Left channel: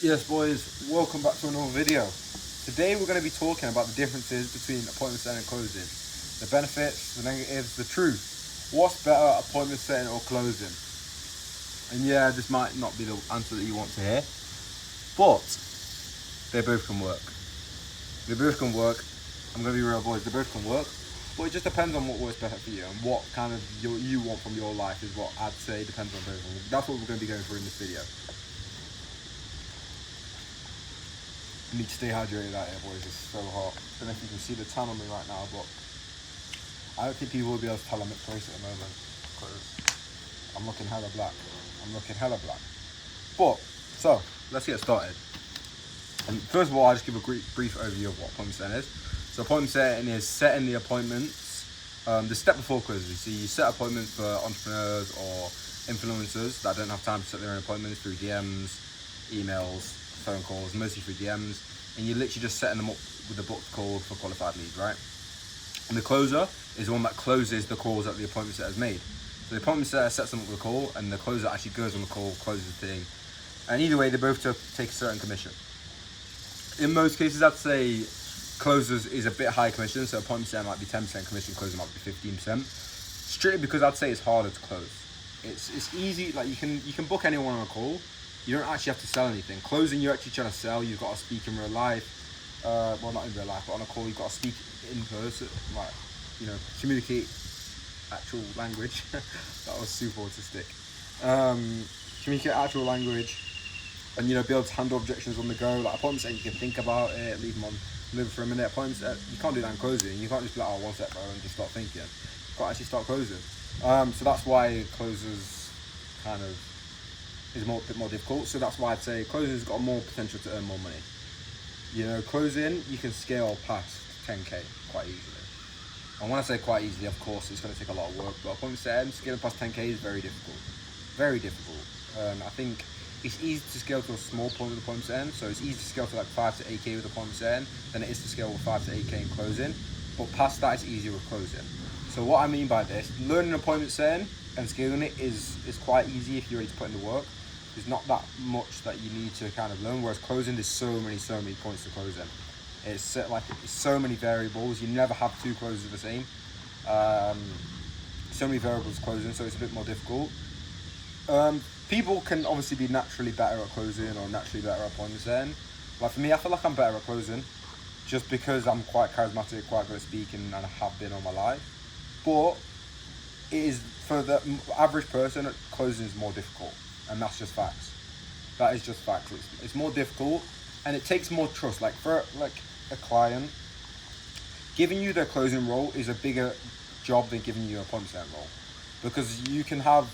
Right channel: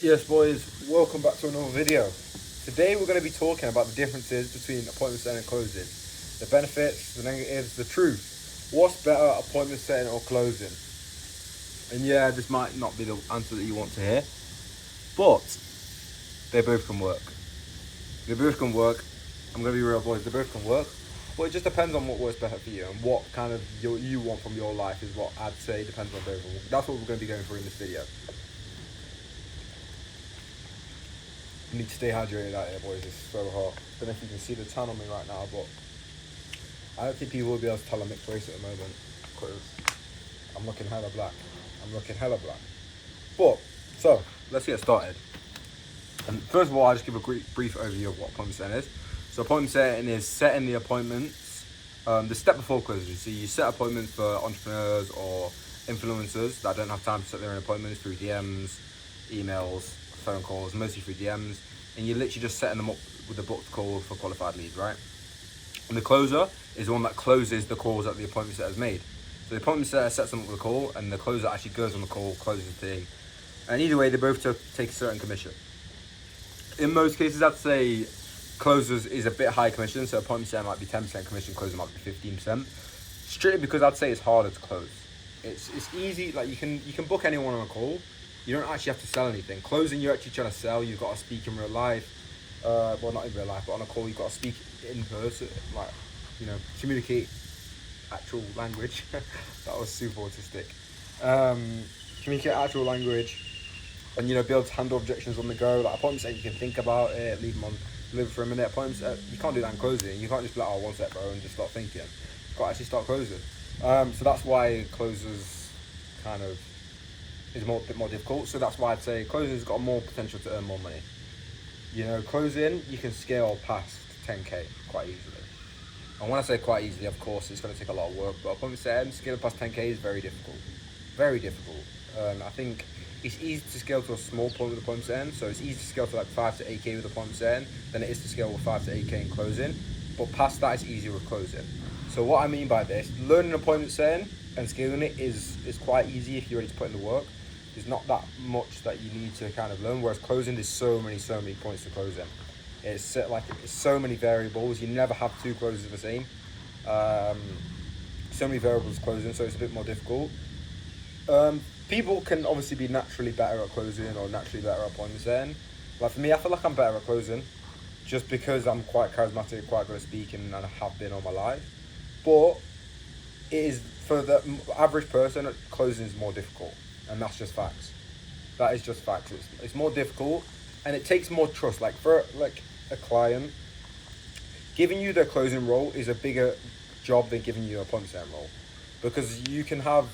Yes, boys, welcome back to another video. Today we're going to be talking about the differences between appointment setting and closing, the benefits, the negatives, the truth. What's better, appointment setting or closing? And yeah, this might not be the answer that you want to hear, but they both can work. They both can work. I'm going to be real, boys. They both can work, but it just depends on what works better for you and what kind of you want from your life is what I'd say depends on both. That's what we're going to be going through in this video. You need to stay hydrated out here, boys. It's so hot. I don't know if you can see the tan on me right now, but I don't think people will be able to tell I'm mixed race at the moment because I'm looking hella black. But, so, let's get started. And first of all, I'll just give a brief overview of what appointment setting is. So appointment setting is setting the appointments, the step before closing. So you set appointments for entrepreneurs or influencers that don't have time to set their own appointments through DMs, emails, phone calls, mostly through DMs, and you're literally just setting them up with a booked call for qualified leads, right? And the closer is the one that closes the calls that the appointment setter has made. So the appointment setter sets them up with a call, and the closer actually goes on the call, closes the thing. And either way, they both take a certain commission. In most cases, I'd say closers is a bit high commission, so appointment setter might be 10% commission, closer might be 15%. Strictly because I'd say it's harder to close. It's easy, like you can book anyone on a call. You don't actually have to sell anything. Closing, you're actually trying to sell. You've got to speak in real life. Well, not in real life, but on a call, you've got to speak in person. Like, communicate actual language. That was super autistic. Communicate actual language, and be able to handle objections on the go. Like appointments that you can think about it, leave them on live for a minute. Appointments that you can't do that in closing. You can't just be like, oh, one sec, bro, and just start thinking. You've got to actually start closing. So that's why closers kind of is a bit more difficult. So that's why I'd say closing's got more potential to earn more money. Closing, you can scale past 10k quite easily. And when I say quite easily, of course, it's going to take a lot of work. But appointment setting, scaling past 10k is very difficult. Very difficult. I think it's easy to scale to a small point with appointment setting. So it's easy to scale to like 5 to 8k with appointment setting than it is to scale with 5 to 8k in closing. But past that, it's easier with closing. So what I mean by this, learning appointment setting and scaling it is quite easy if you're ready to put in the work. There's not that much that you need to kind of learn, whereas closing, there's so many points to closing. It's so many variables. You never have two closes the same. So many variables closing, so it's a bit more difficult. People can obviously be naturally better at closing or naturally better at appointment setting. Like for me, I feel like I'm better at closing just because I'm quite charismatic, quite good at speaking, and I have been all my life. But it is, for the average person, closing is more difficult. And that's just facts. That is just facts. It's more difficult, and it takes more trust. Like for a client, giving you their closing role is a bigger job than giving you an appointment setting role, because you can have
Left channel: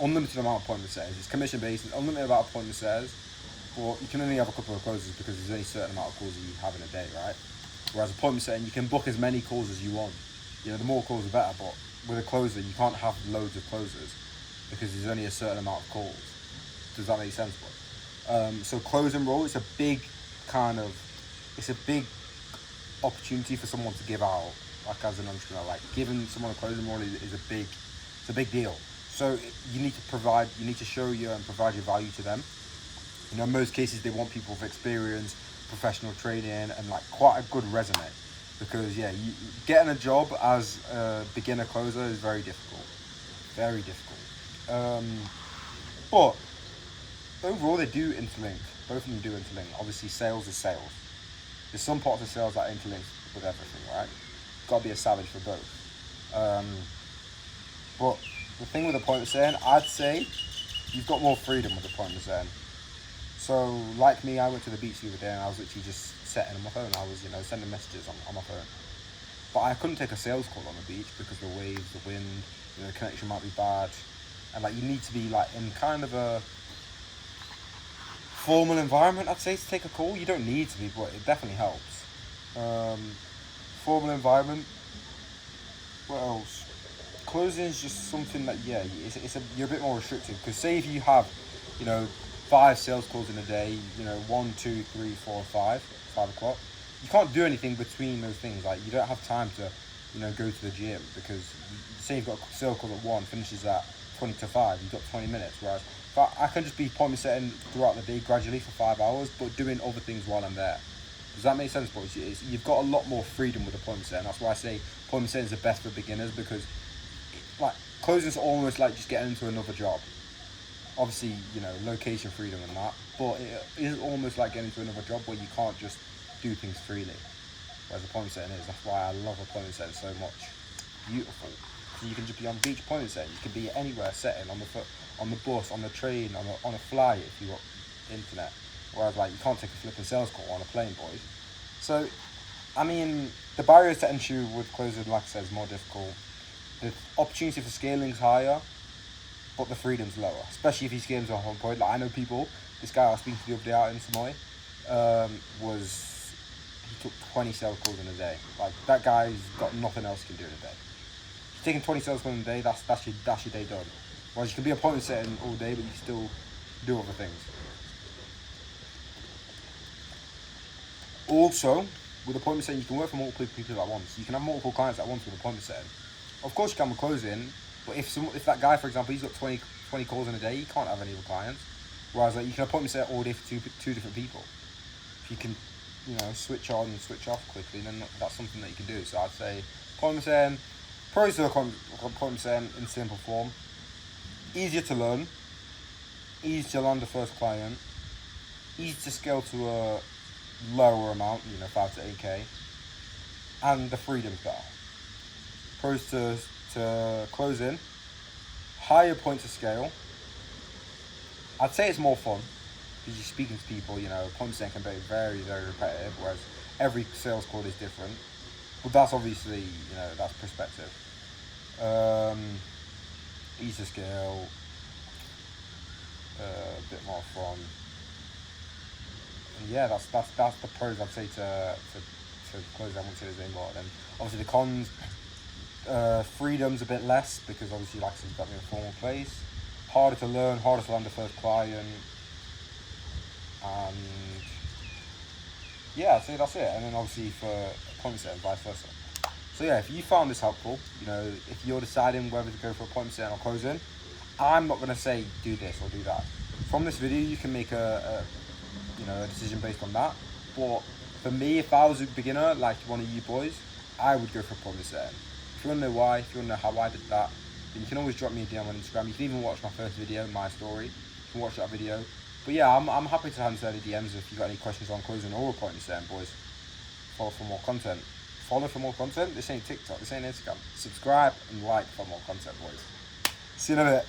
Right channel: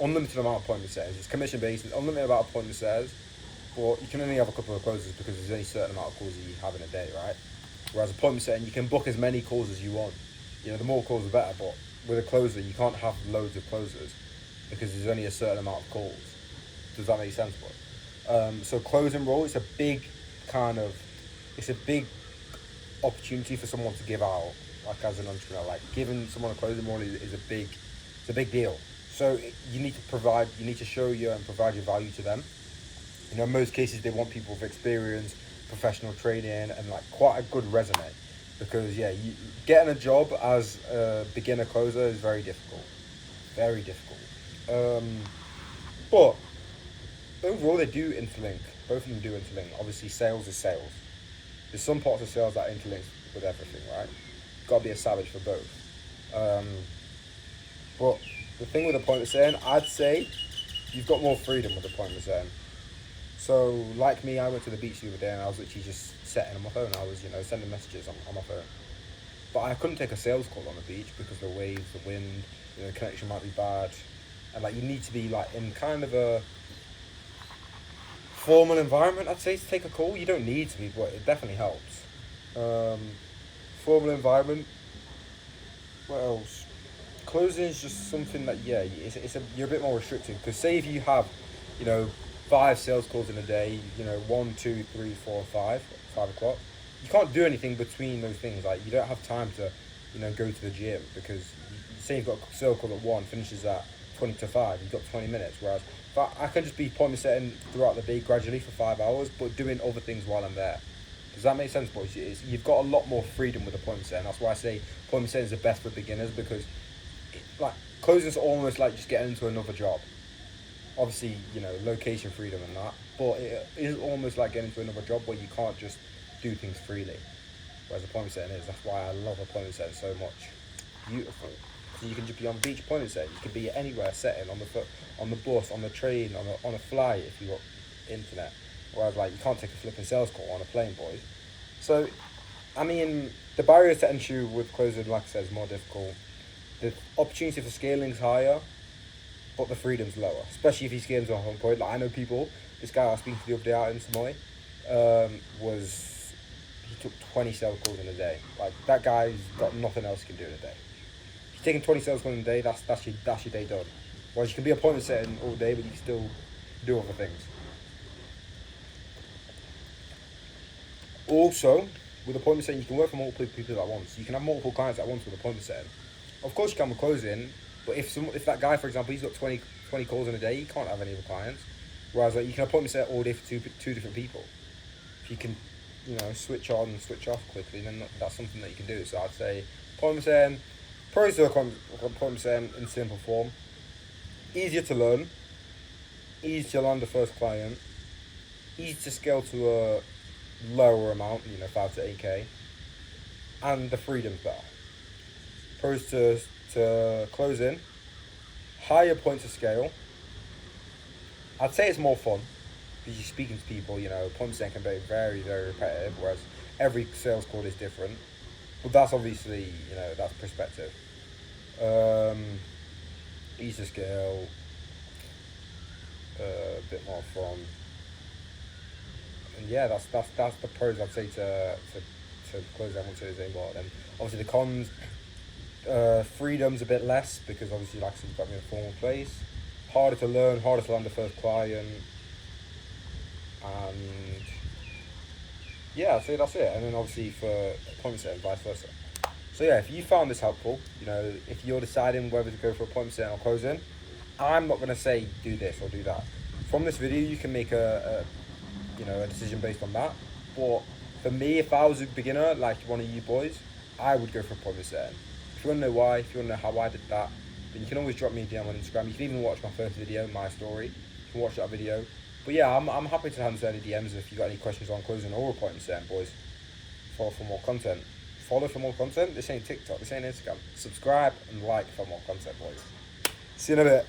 unlimited amount of appointment setters. It's commission based, it's unlimited amount of appointment setters, but you can only have a couple of closes because there's only a certain amount of calls you have in a day, right? Whereas appointment setting, you can book as many calls as you want. The more calls the better, but with a closer, you can't have loads of closers because there's only a certain amount of calls. Does that make sense, boy? So closing role, it's a big opportunity for someone to give out, like as an entrepreneur. Like giving someone a closing role is a big deal. So you need to show you and provide your value to them. In most cases, they want people with experience, professional training, and like quite a good resume. Because getting a job as a beginner closer is very difficult. Very difficult. But overall, they do interlink. Both of them do interlink. Obviously, sales is sales. There's some parts of sales that interlink with everything, right? You've got to be a savage for both. But the thing with appointment setting, I'd say you've got more freedom with appointment setting. So, like me, I went to the beach the other day and I was literally just setting on my phone. I was, sending messages on my phone. But I couldn't take a sales call on the beach because the waves, the wind, the connection might be bad. And you need to be in kind of a formal environment, I'd say, to take a call. You don't need to be, but it definitely helps. Formal environment. What else? Closing is just something that you're a bit more restricted, because say if you have 5 sales calls in a day, 1, 2, 3, 4, 5 o'clock, you can't do anything between those things. Like you don't have time to go to the gym, because say you've got a sales call at 1, finishes at 20 to 5, you've got 20 minutes. Whereas But I can just be appointment setting throughout the day gradually for 5 hours, but doing other things while I'm there. Does that make sense, boys? You've got a lot more freedom with appointment setting. That's why I say appointment setting is the best for beginners, because like closing's almost like just getting into another job. Obviously, location freedom and that, but it is almost like getting into another job where you can't just do things freely. Whereas appointment setting is. That's why I love appointment setting so much. Beautiful. So you can just be on beach appointment setting. You can be anywhere setting on the bus, on the train, on a flight if you got internet. Whereas like you can't take a flipping sales call on a plane, boys. So, I mean, the barriers to entry with closing, like I said, is more difficult. The opportunity for scaling is higher, but the freedom's lower. Especially if he scales off on point. Like I know people. This guy I was speaking to the other day out in Samoy, he took 20 sales calls in a day. Like that guy's got nothing else he can do in a day. If you're taking 20 sales calls in a day, that's your day done. Whereas you can be appointment setting all day, but you can still do other things. Also, with appointment setting, you can work for multiple people at once. You can have multiple clients at once with appointment setting. Of course, you can with closing, but if that guy, for example, he's got 20 calls in a day, he can't have any other clients. Whereas like you can appointment set all day for two different people. If you can, switch on and switch off quickly, then that's something that you can do. So I'd say appointment setting, pros to appointment setting in simple form: easier to learn, easy to land the first client, easy to scale to a lower amount, 5 to 8k, and the freedom's better. Pros to close in: higher points of scale. I'd say it's more fun because you're speaking to people. Appointment setting can be very, very repetitive, whereas every sales call is different. But that's obviously, that's perspective. Easy to scale, a bit more fun. And yeah, that's the pros I'd say to close down onto the anymore. And obviously the cons, freedom's a bit less because obviously, like I said, you've got to be in a formal place. Harder to learn, harder to land the first client, and yeah, I'd say that's it. And then obviously for appointment setting, vice versa. So yeah, if you found this helpful, if you're deciding whether to go for appointment setting or closing, I'm not gonna say do this or do that. From this video, you can make a decision based on that. But for me, if I was a beginner like one of you boys, I would go for appointment setting. If you want to know why, if you want to know how I did that, then you can always drop me a DM on Instagram. You can even watch my first video, my story. You can watch that video. But yeah, I'm happy to answer any DMs if you got any questions on closing or appointment setting, boys. Follow for more content. Follow for more content. This ain't TikTok. This ain't Instagram. Subscribe and like for more content, boys. See you in a bit.